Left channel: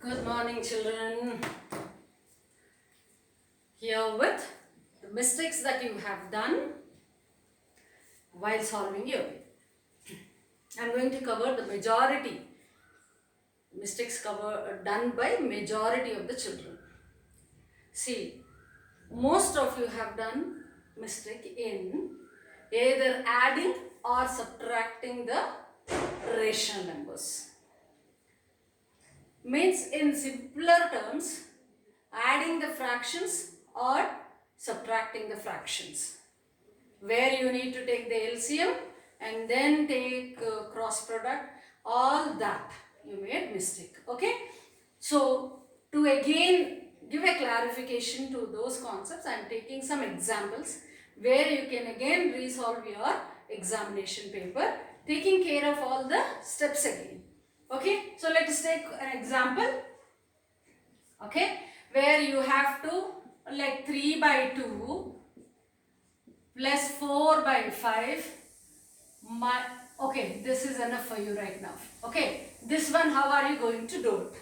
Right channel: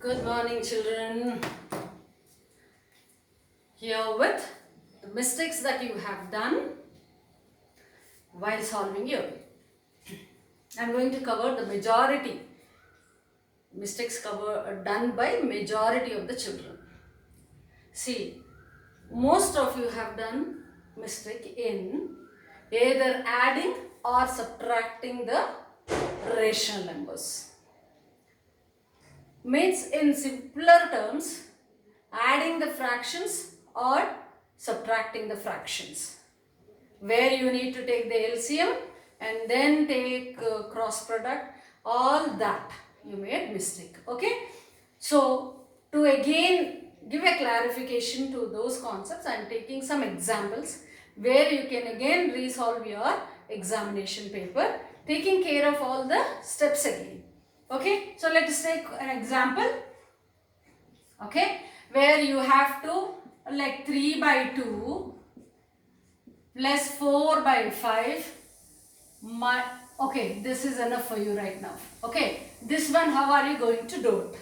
Good morning, children. Here with the mistakes that you have done while solving your. I'm going to cover the majority mistakes done by majority of the children. See, most of you have done mistake in either adding or subtracting the rational numbers. Means in simpler terms, adding the fractions or subtracting the fractions, where you need to take the LCM and then take cross product, all that you made mistake. Okay, so to again give a clarification to those concepts, I am taking some examples where you can again resolve your examination paper, taking care of all the steps again. Okay, so let us take an example. Okay, where you have to like 3 by 2 plus 4 by 5. Okay, this is enough for you right now. Okay, this one, how are you going to do it?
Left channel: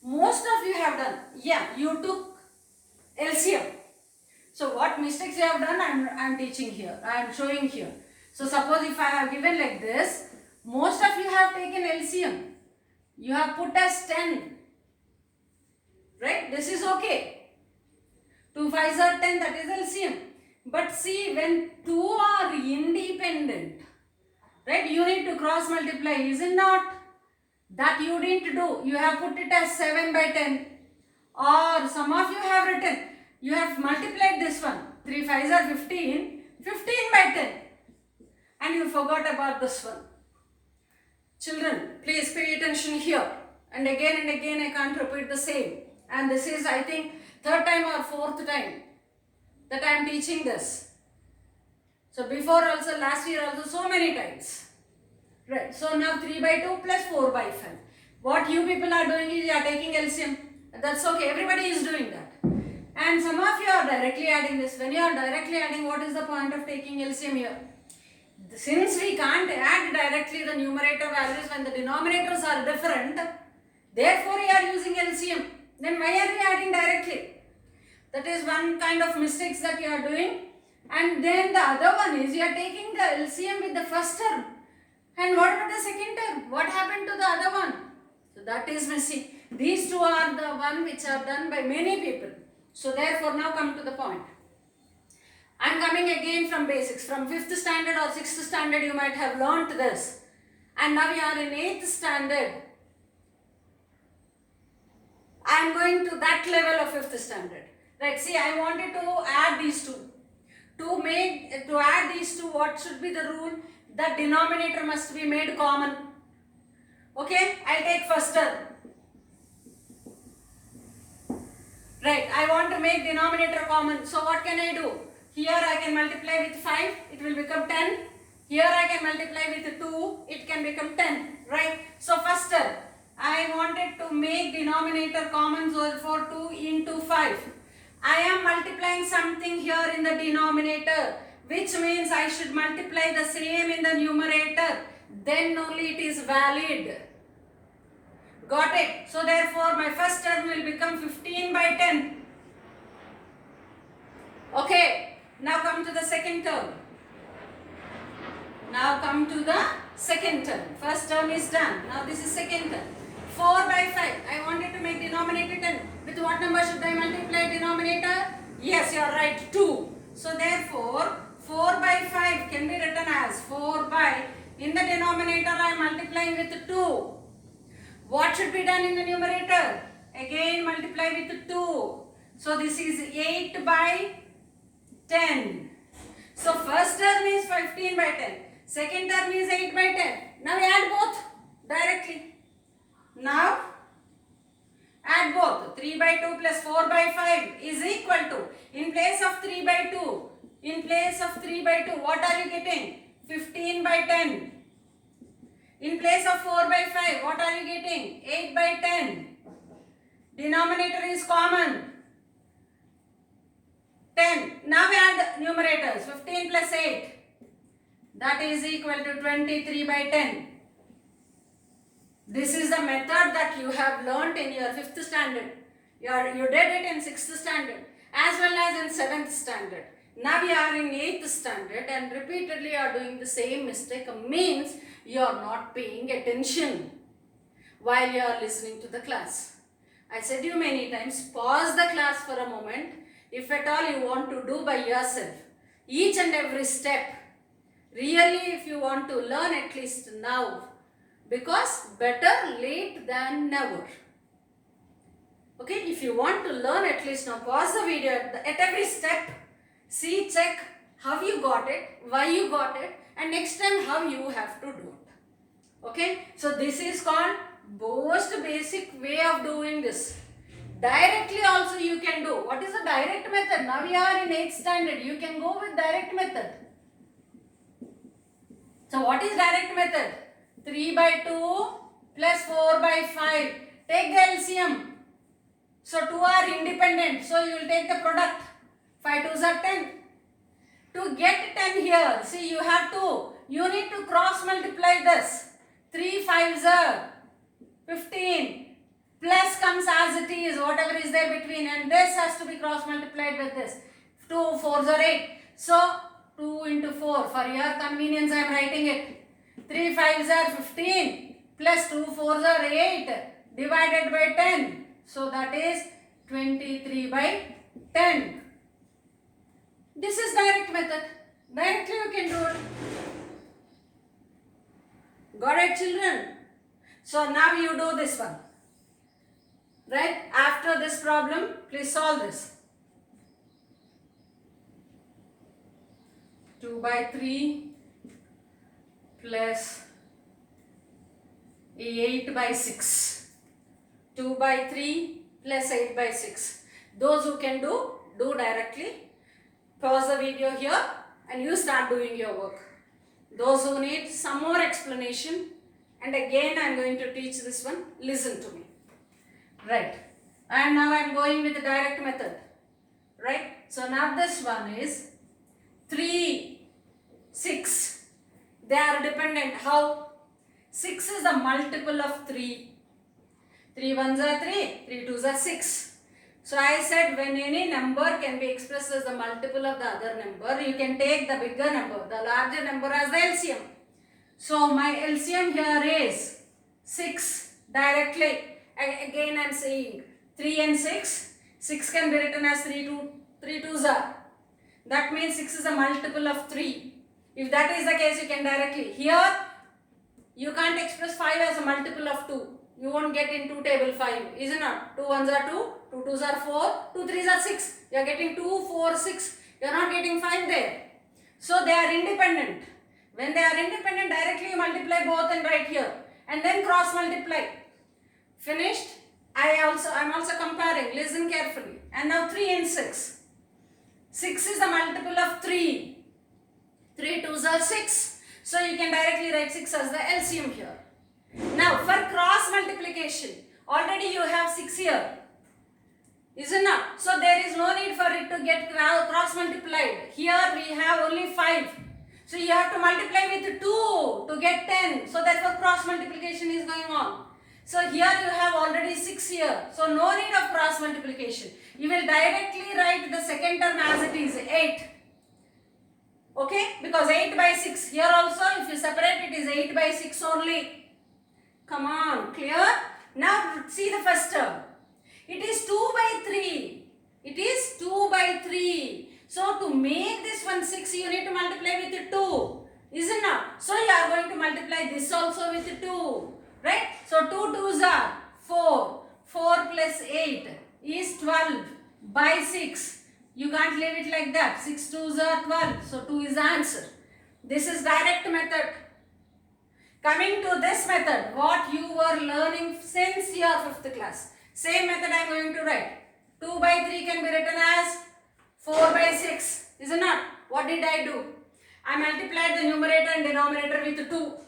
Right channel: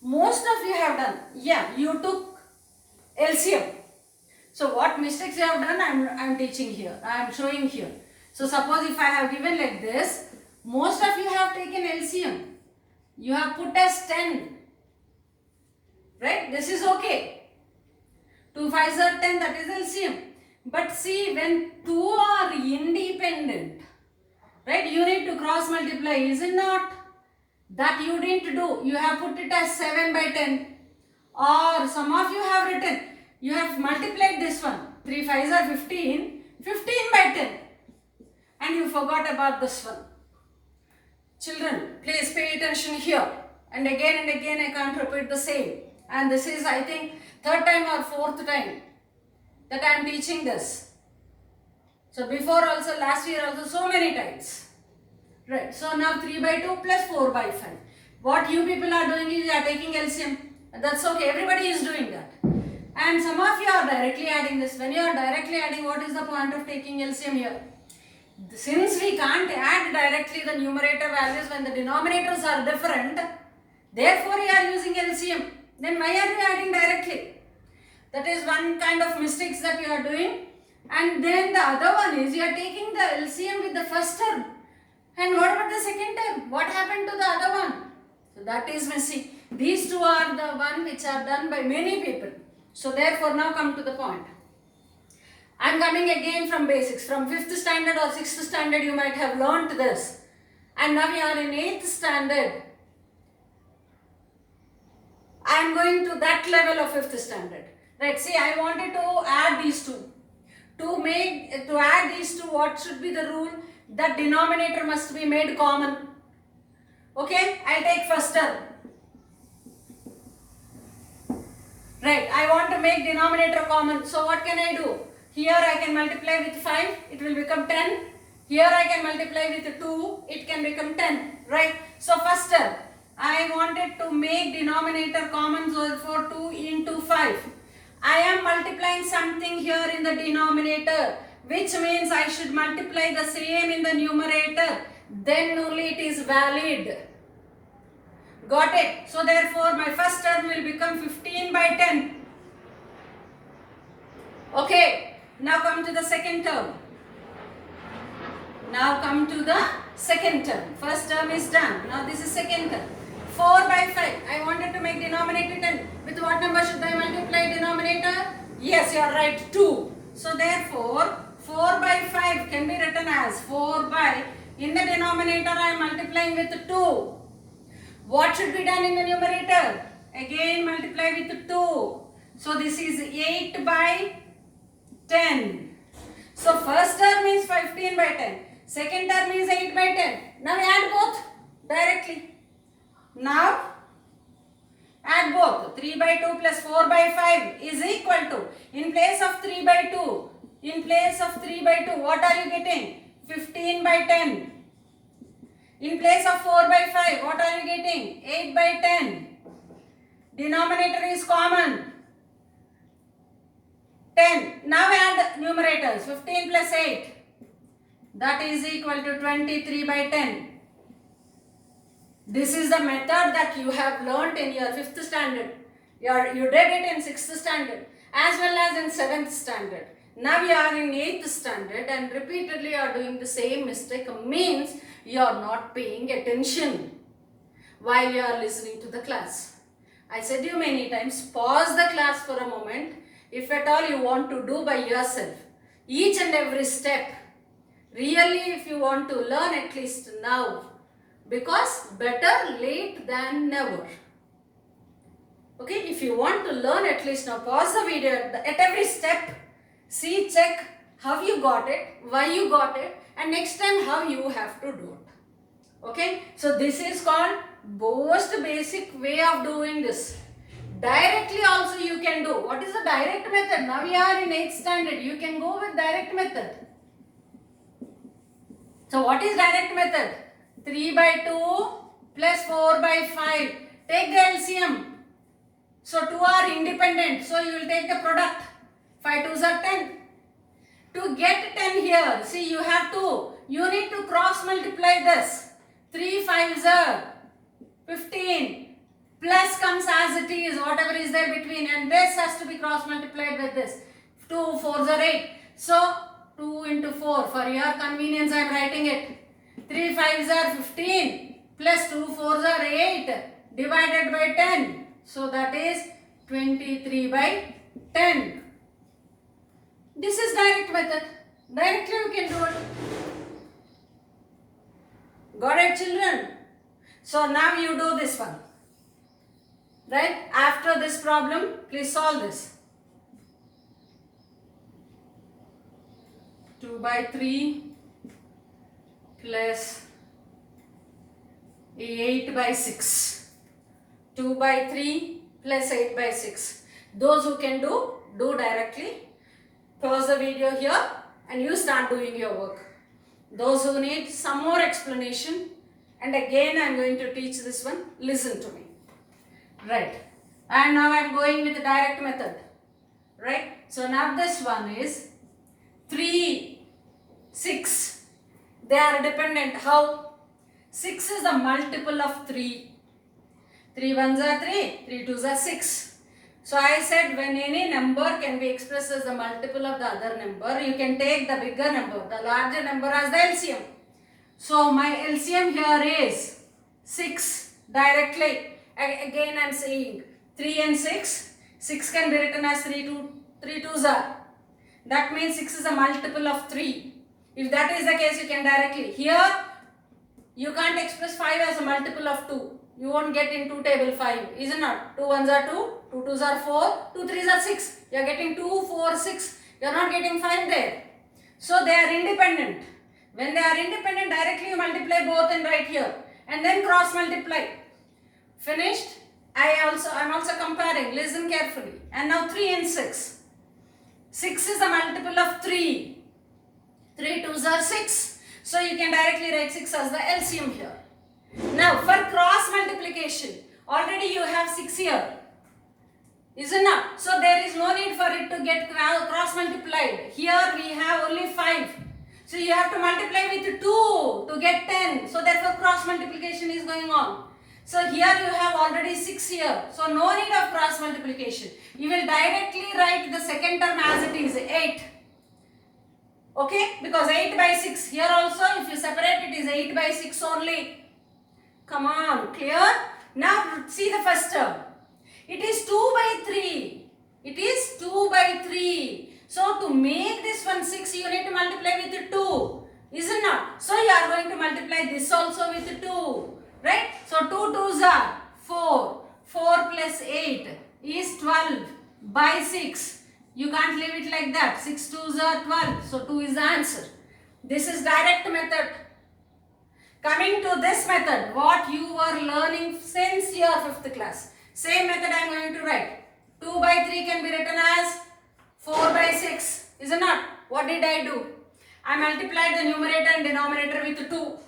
Most of you have done, yeah, you took LCM. So what mistakes you have done, I'm teaching here, I am showing here. So suppose if I have given like this, most of you have taken LCM. You have put as 10. Right? This is okay. 2 5s are 10, that is LCM. But see, when two are independent, right, you need to cross multiply, is it not? That you didn't do. You have put it as 7 by 10. Or some of you have written, you have multiplied this one. 3 5s are 15. 15 by 10. And you forgot about this one. Children, please pay attention here. And again I can't repeat the same. And this is, I think, third time or fourth time that I am teaching this. So before also, last year also, so many times. Right. So now 3 by 2 plus 4 by 5. What you people are doing is you are taking LCM. That's okay. Everybody is doing that. And some of you are directly adding this. When you are directly adding, what is the point of taking LCM here? Since we can't add directly the numerator values when the denominators are different, therefore you are using LCM. Then why are you adding directly? That is one kind of mistakes that you are doing. And then the other one is you are taking the LCM with the first term. And what about the second term? What happened to the other one? So that is missing. These two are the one which are done by many people. So therefore now come to the point. I am coming again from basics. From 5th standard or 6th standard you might have learnt this. And now you are in 8th standard. I am going to that level of 5th standard. Right, see, I wanted to add these two. To add these two, what should be the rule? The denominator must be made common. Okay, I take first term. Right, I want to make denominator common. So what can I do? Here I can multiply with 5, it will become 10. Here I can multiply with 2, it can become 10. Right, so first term. I wanted to make denominator common, so for 2 into 5. I am multiplying something here in the denominator, which means I should multiply the same in the numerator. Then only it is valid. Got it? So therefore my first term will become 15 by 10. Okay, now come to the second term. First term is done. Now this is second term. 4 by 5. I wanted to make denominator 10. With what number should I multiply denominator? Yes, you are right, 2. So therefore, 4 by 5 can be written as 4 by, in the denominator I am multiplying with 2. What should be done in the numerator? Again multiply with 2. So this is 8 by 10. So first term is 15 by 10. Second term is 8 by 10. Now add both directly. Now add both. 3 by 2 plus 4 by 5 is equal to, in place of 3 by 2, what are you getting? 15 by 10. In place of 4 by 5, what are you getting? 8 by 10. Denominator is common. 10. Now add numerators. 15 plus 8. That is equal to 23 by 10. This is the method that you have learnt in your 5th standard. You did it in 6th standard as well as in 7th standard. Now you are in 8th standard and repeatedly you are doing the same mistake. Means you are not paying attention while you are listening to the class. I said you many times, pause the class for a moment if at all you want to do by yourself. Each and every step. Really, if you want to learn, at least now. Because better late than never. Okay, if you want to learn, at least now, pause the video at every step. See, check how you got it, why you got it, and next time how you have to do it. Okay, so this is called most basic way of doing this. Directly also you can do. What is the direct method? Now we are in 8th standard. You can go with direct method. So what is direct method? 3 by 2 plus 4 by 5. Take the LCM. So 2 are independent. So you will take the product. 5 2s are 10. To get 10 here, see you have to, you need to cross multiply this. 3 5s are 15. Plus comes as it is, whatever is there between, and this has to be cross multiplied with this. 2 4s are 8. So 2 into 4, for your convenience I am writing it. 3 5s are 15 plus 2 4s are 8 divided by 10. So that is 23 by 10. This is direct method. Directly you can do it. Got it, children? So now you do this one. Right? After this problem, please solve this. 2 by 3 plus 8 by 6. 2 by 3 plus 8 by 6. Those who can do directly. Pause the video here and you start doing your work. Those who need some more explanation, and again I am going to teach this one, listen to me. Right. And now I am going with the direct method. Right. So now this one is 3, 6. They are dependent. How? 6 is the multiple of 3. 3 1s are 3, 3 2s are 6. So I said when any number can be expressed as the multiple of the other number, you can take the bigger number, the larger number as the LCM. So my LCM here is 6 directly. Again I am saying 3 and 6. 6 can be written as 3 2s are. That means 6 is a multiple of 3. If that is the case, you can directly. Here you can't express 5 as a multiple of 2. You won't get into table 5, isn't it? 2 1s are 2, 2 2s are 4, 2 3s are 6. You are getting 2, 4, 6. You are not getting 5 there. So they are independent. When they are independent, directly you multiply both and write here. And then cross multiply. Finished? I am also comparing. Listen carefully. And now 3 and 6. 6 is the multiple of 3. 3 2s are 6. So you can directly write 6 as the LCM here. Now for cross multiplication, already you have 6 here, isn't it? So there is no need for it to get cross multiplied. Here we have only 5. So you have to multiply with 2 to get 10. So therefore cross multiplication is going on. So here you have already 6 here. So no need of cross multiplication. You will directly write the second term as it is, 8. Okay, because 8 by 6. Here also if you separate it is 8 by 6 only. Come on, clear? Now see the first term. It is 2 by 3. It is 2 by 3. So to make this one 6, you need to multiply with 2. Isn't it? So you are going to multiply this also with 2. Right? So 2 2s are 4. 4 plus 8 is 12 by 6. You can't leave it like that. 6 2s are 12. So 2 is the answer. This is direct method. Coming to this method, what you were learning since your 5th class. Same method I am going to write. 2 by 3 can be written as 4 by 6. Isn't it? What did I do? I multiplied the numerator and denominator with 2.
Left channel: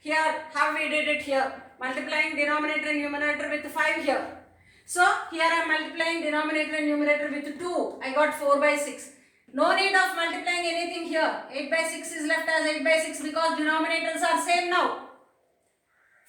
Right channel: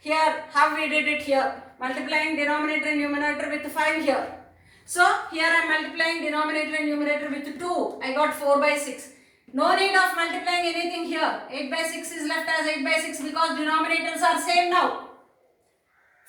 Here, how we did it here? Multiplying denominator and numerator with 5 here. So, here I am multiplying denominator and numerator with 2. I got 4 by 6. No need of multiplying anything here. 8 by 6 is left as 8 by 6 because denominators are same now.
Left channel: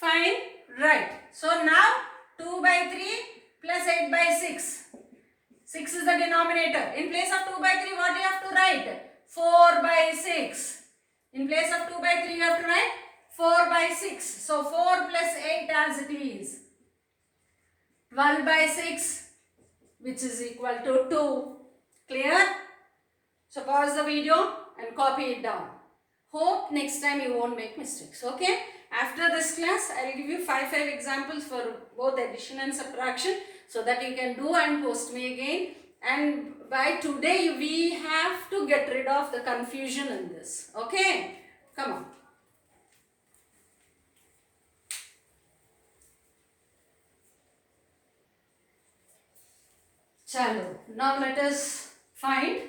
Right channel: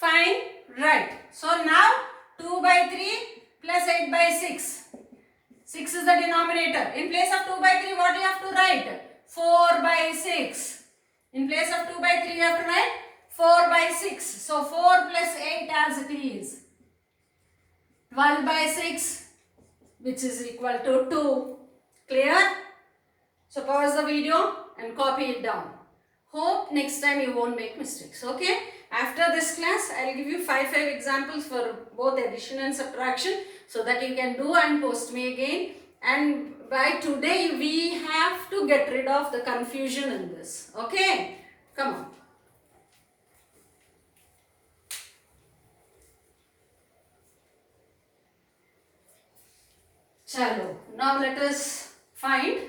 Fine. Right. So now 2 by 3 plus 8 by 6. 6 is the denominator. In place of 2 by 3, what do you have to write? 4 by 6. In place of 2 by 3, you have to write 4 by 6. So 4 plus 8 as it is. 12 by 6, which is equal to 2. Clear? So pause the video and copy it down. Hope next time you won't make mistakes. Okay? After this class, I will give you 5 examples for both addition and subtraction, so that you can do and post me again. And by today, we have to get rid of the confusion in this. Okay? Come on. Chalo. Now let us find,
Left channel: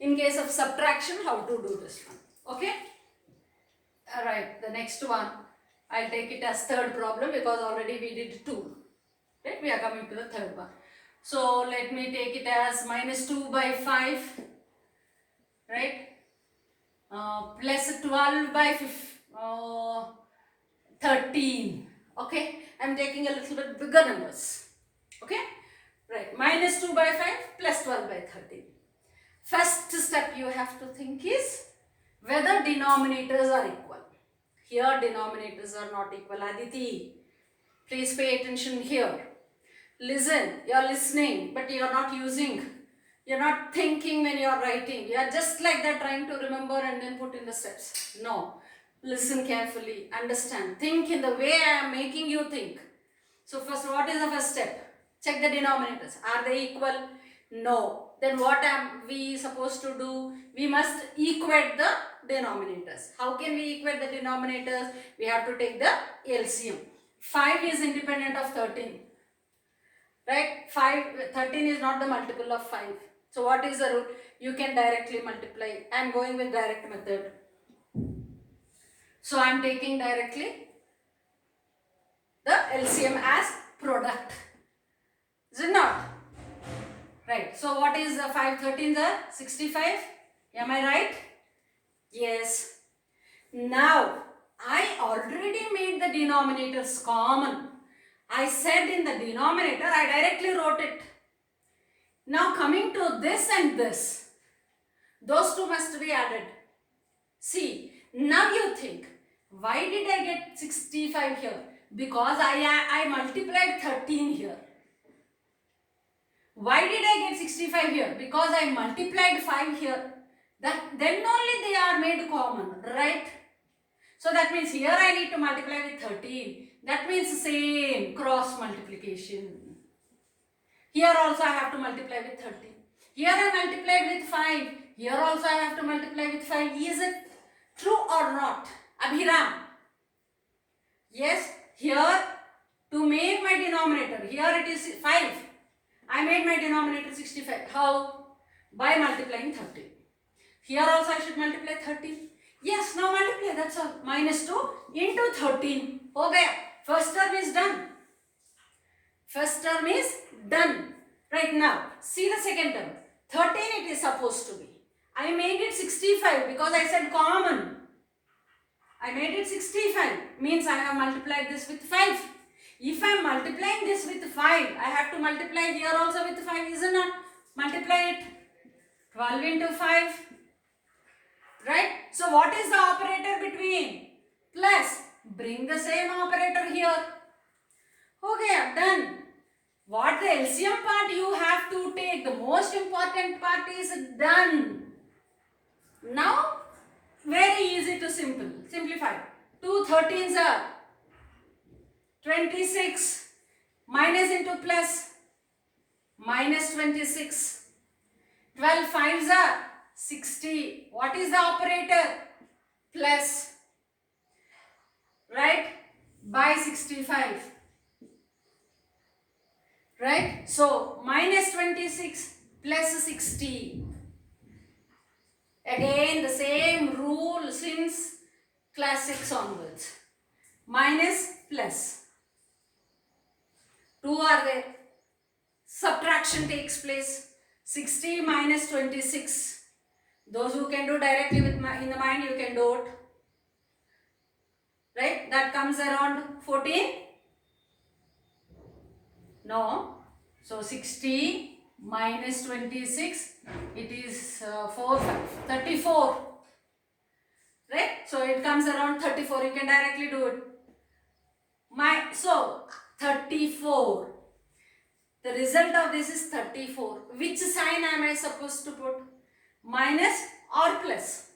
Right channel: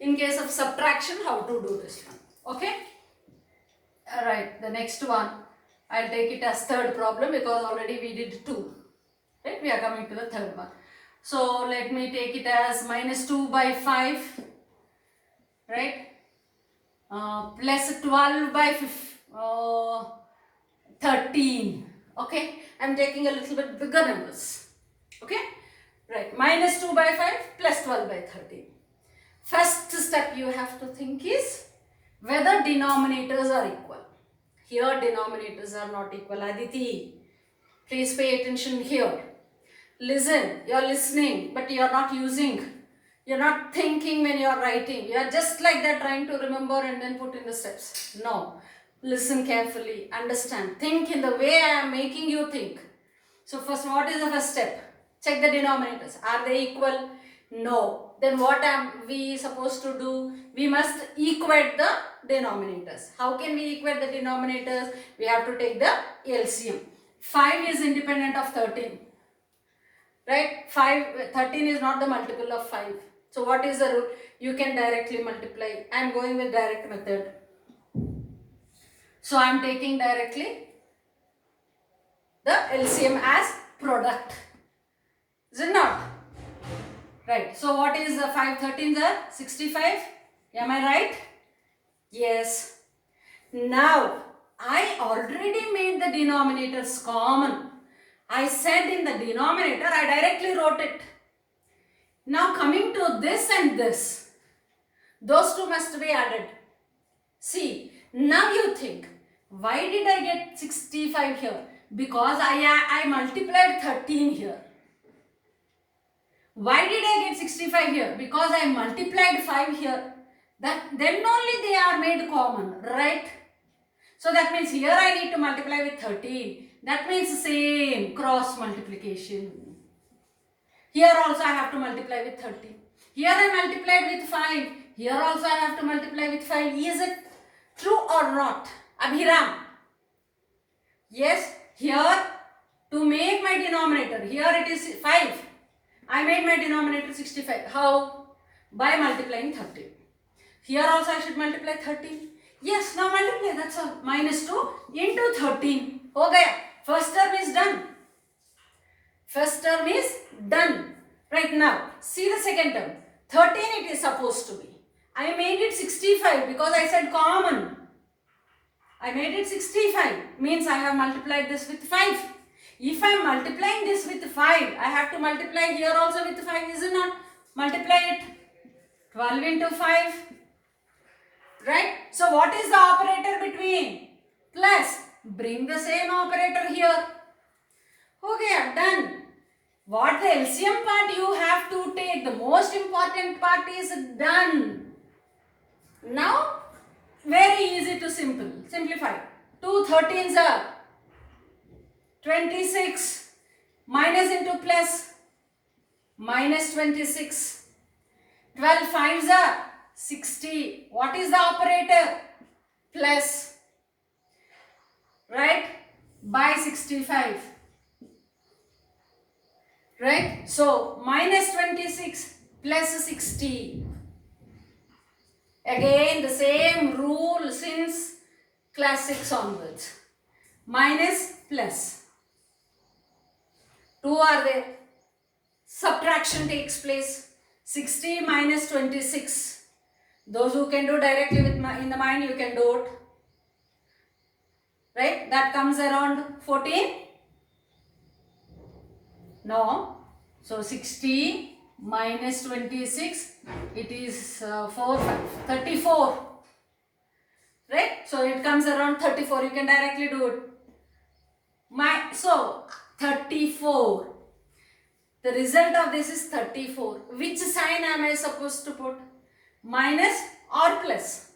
in case of subtraction, how to do this one. Okay? Alright, the next one, I'll take it as third problem because already we did 2. Right? We are coming to the third one. So let me take it as minus 2 by 5. Right? Plus 12 by 13. Okay? I'm taking a little bit bigger numbers. Okay? Right. Minus 2 by 5 plus 12 by 13. First step you have to think is whether denominators are equal. Here denominators are not equal. Aditi, please pay attention here. Listen, you are listening, but you are not using. You are not thinking when you are writing. You are just like that trying to remember and then put in the steps. No. Listen carefully. Understand. Think in the way I am making you think. So first, what is the first step? Check the denominators. Are they equal? No. Then what am we supposed to do? We must equate the denominators. How can we equate the denominators? We have to take the LCM. 5 is independent of 13. Right? 13 is not the multiple of 5. So what is the rule? You can directly multiply. I am going with direct method. So I am taking directly the LCM as product. Is it not? Right. So what is 5 13s are 65? Am I right? Yes. Now I already made the denominators common. I said in the denominator, I directly wrote it. Now coming to this and this, those two must be added. See, now you think, why did I get 65 here? Because I multiplied 13 here. Why did I get 65 here? Because I multiplied 5 here. Then only they are made common, right? So that means here I need to multiply with 13. That means same cross multiplication. Here also I have to multiply with 13. Here I multiplied with 5. Here also I have to multiply with 5. Is it true or not? Abhiram? Yes, here to make my denominator, here it is 5. I made my denominator 65. How? By multiplying 13. Here also I should multiply 13. Yes, now multiply, that's all. Minus 2 into 13. Ho gaya. First term is done. First term is done. Right now, see the second term. 13 it is supposed to be. I made it 65 because I said common. I made it 65. Means I have multiplied this with 5. If I am multiplying this with 5, I have to multiply here also with 5, is it not? Multiply it. 12 into 5. Right? So what is the operator between? Plus. Bring the same operator here. Okay, done. What the LCM part you have to take. The most important part is done. Now, very easy to simplify. 2 13s are 26. Minus into plus. Minus 26. 12 5s are 60. What is the operator? Plus. Right? By 65. Right? So, minus 26 plus 60. Again, the same rule since class 6 onwards. Minus plus. 2 are there. Subtraction takes place. 60 minus 26. Those who can do directly with in the mind, you can do it. Right? That comes around 14. No. So 60 minus 26, it is 4, 5, 34. Right? So it comes around 34. You can directly do it. So 34. The result of this is 34. Which sign am I supposed to put? Minus or plus?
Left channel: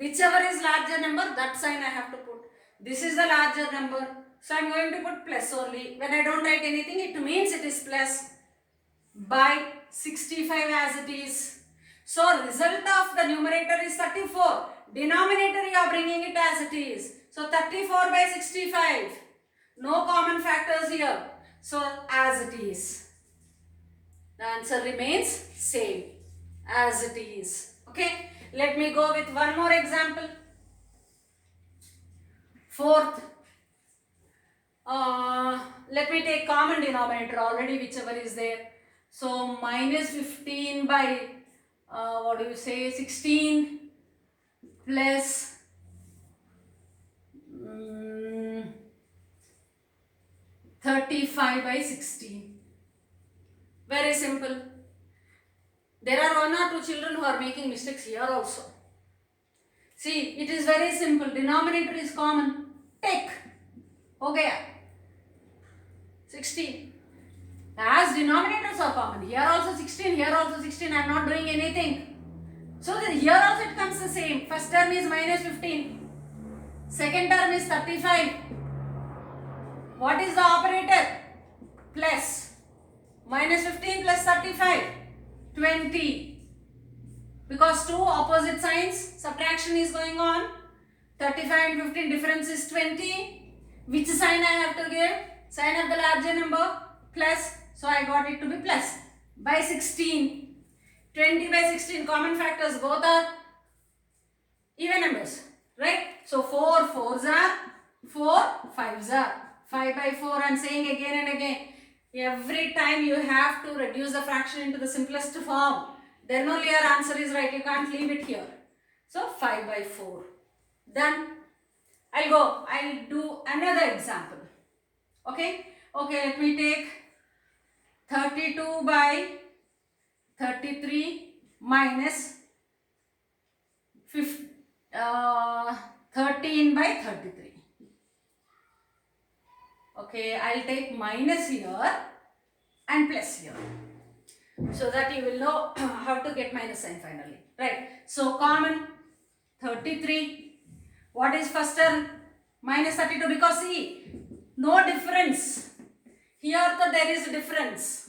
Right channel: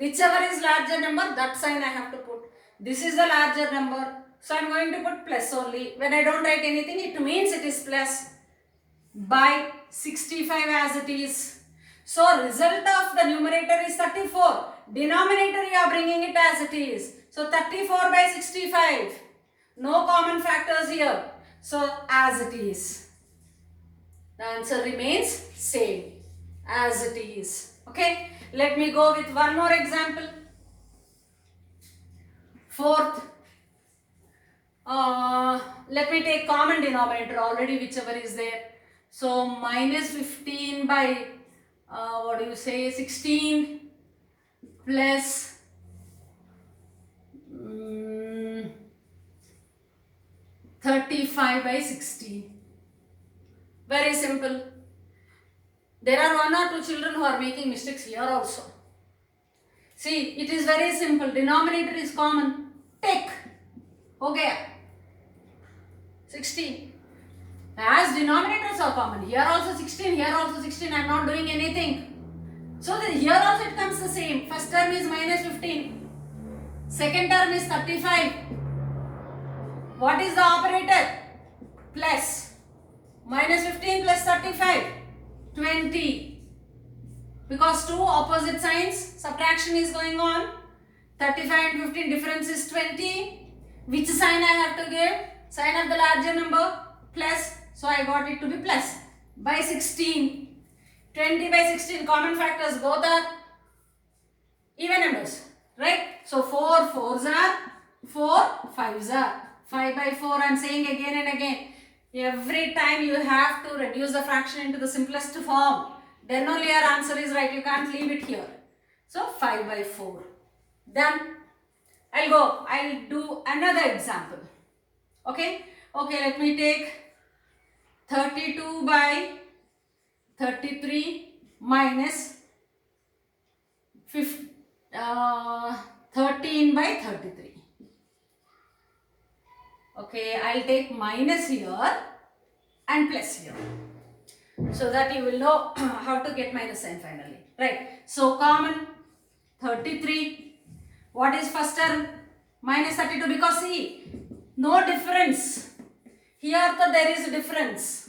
Whichever is larger number, that sign I have to put. This is the larger number. So I am going to put plus only. When I don't write anything, it means it is plus by 65 as it is. So result of the numerator is 34. Denominator you are bringing it as it is. So 34 by 65. No common factors here. So as it is. The answer remains same as it is. Okay. Let me go with one more example. Fourth. Let me take common denominator already, whichever is there. So minus 15 by what do you say, 16 plus 35 by 16. Very simple. There are one or two children who are making mistakes here also. See, it is very simple. Denominator is common. Take. Okay. 16. As denominators are common. Here also 16. Here also 16. I am not doing anything. So here also it comes the same. First term is minus 15. Second term is 35. What is the operator? Plus. Minus 15 plus 35. 20. Because two opposite signs, subtraction is going on. 35 and 15 difference is 20. Which sign I have to give? Sign of the larger number, plus. So I got it to be plus by 16. 20 by 16 common factors, both are even numbers, right? So 4 4s are 4 5s are 5 by 4. I am saying again and again. Every time you have to reduce the fraction into the simplest form. Then only your answer is right. You can't leave it here. So 5 by 4. Done. I'll do another example. Okay. Okay, let me take 32 by 33 minus 13 by 33. Okay, I'll take minus here and plus here, so that you will know how to get minus sign finally. Right. So common 33. What is first term? Minus 32, because see, no difference. Here there is a difference.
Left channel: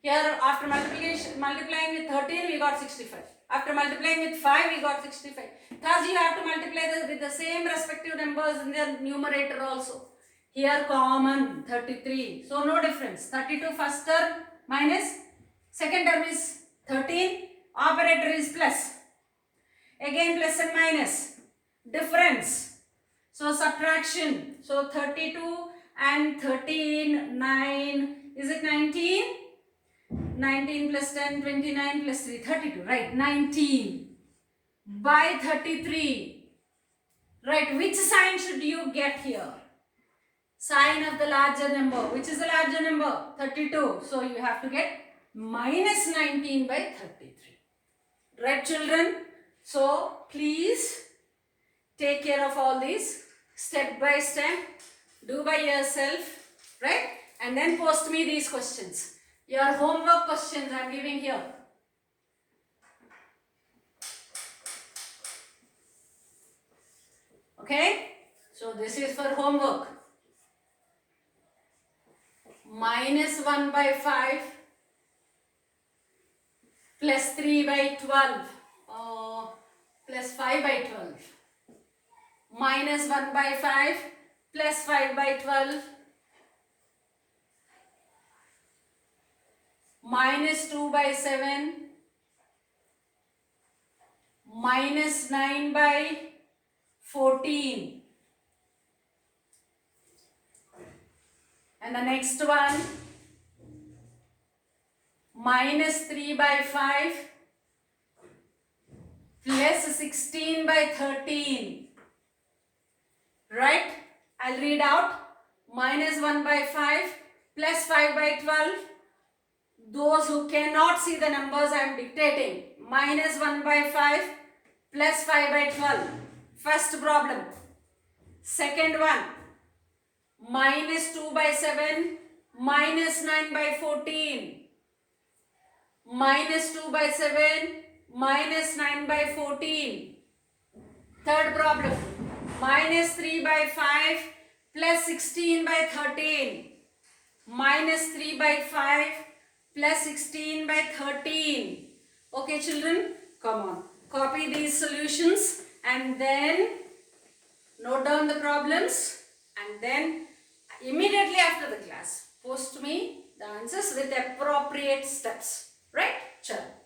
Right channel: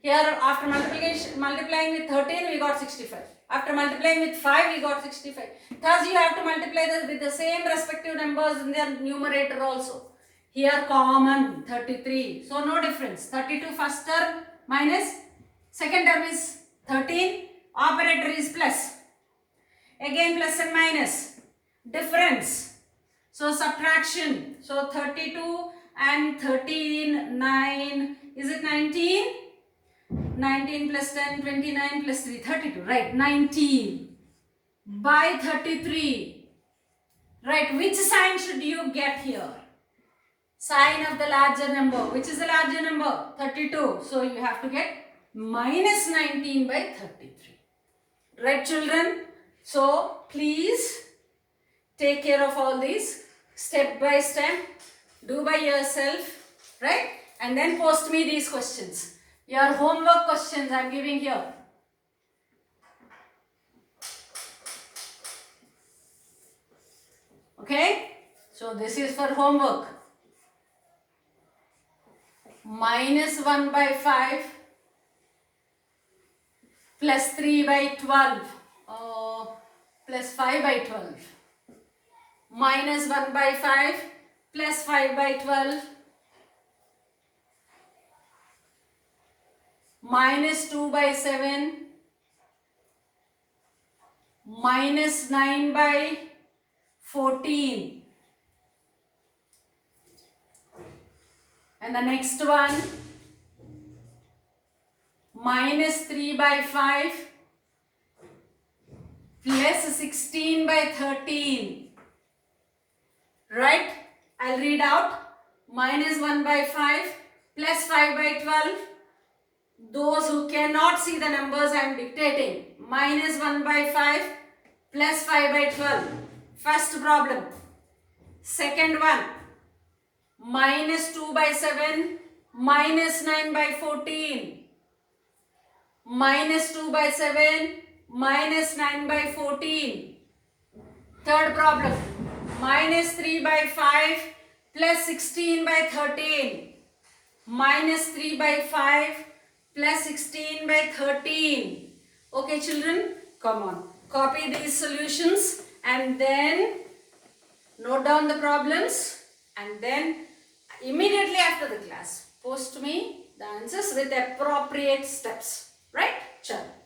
Here after multiplying with 13 we got 65. After multiplying with 5 we got 65. Thus you have to multiply with the same respective numbers in their numerator also. Here common 33. So no difference. 32 first term minus second term is 13. Operator is plus. Again plus and minus. Difference. So subtraction. So 32 and 13, 9. Is it 19? 19 plus 10, 29 plus 3, 32. Right. 19 by 33. Right. Which sign should you get here? Sign of the larger number. Which is the larger number? 32. So you have to get minus 19 by 33. Right, children? So please take care of all these step by step. Do by yourself. Right? And then post me these questions. Your homework questions I am giving here. Okay? So this is for homework. Minus 1 by 5 plus 3 by 12 plus 5 by 12. Minus 1 by 5 plus 5 by 12. Minus 2 by 7. Minus 9 by 14. And the next one, minus 3 by 5 plus 16 by 13. Right? I'll read out. Minus 1 by 5 plus 5 by 12. Those who cannot see the numbers I am dictating, minus 1 by 5 plus 5 by 12. First problem. Second one, minus 2 by 7 minus 9 by 14. Minus 2 by 7 minus 9 by 14. Third problem, minus 3 by 5 plus 16 by 13. Minus 3 by 5 plus 16 by 13. Okay children, come on. Copy these solutions and then note down the problems and then immediately after the class post me the answers with appropriate steps. Right? Chalo.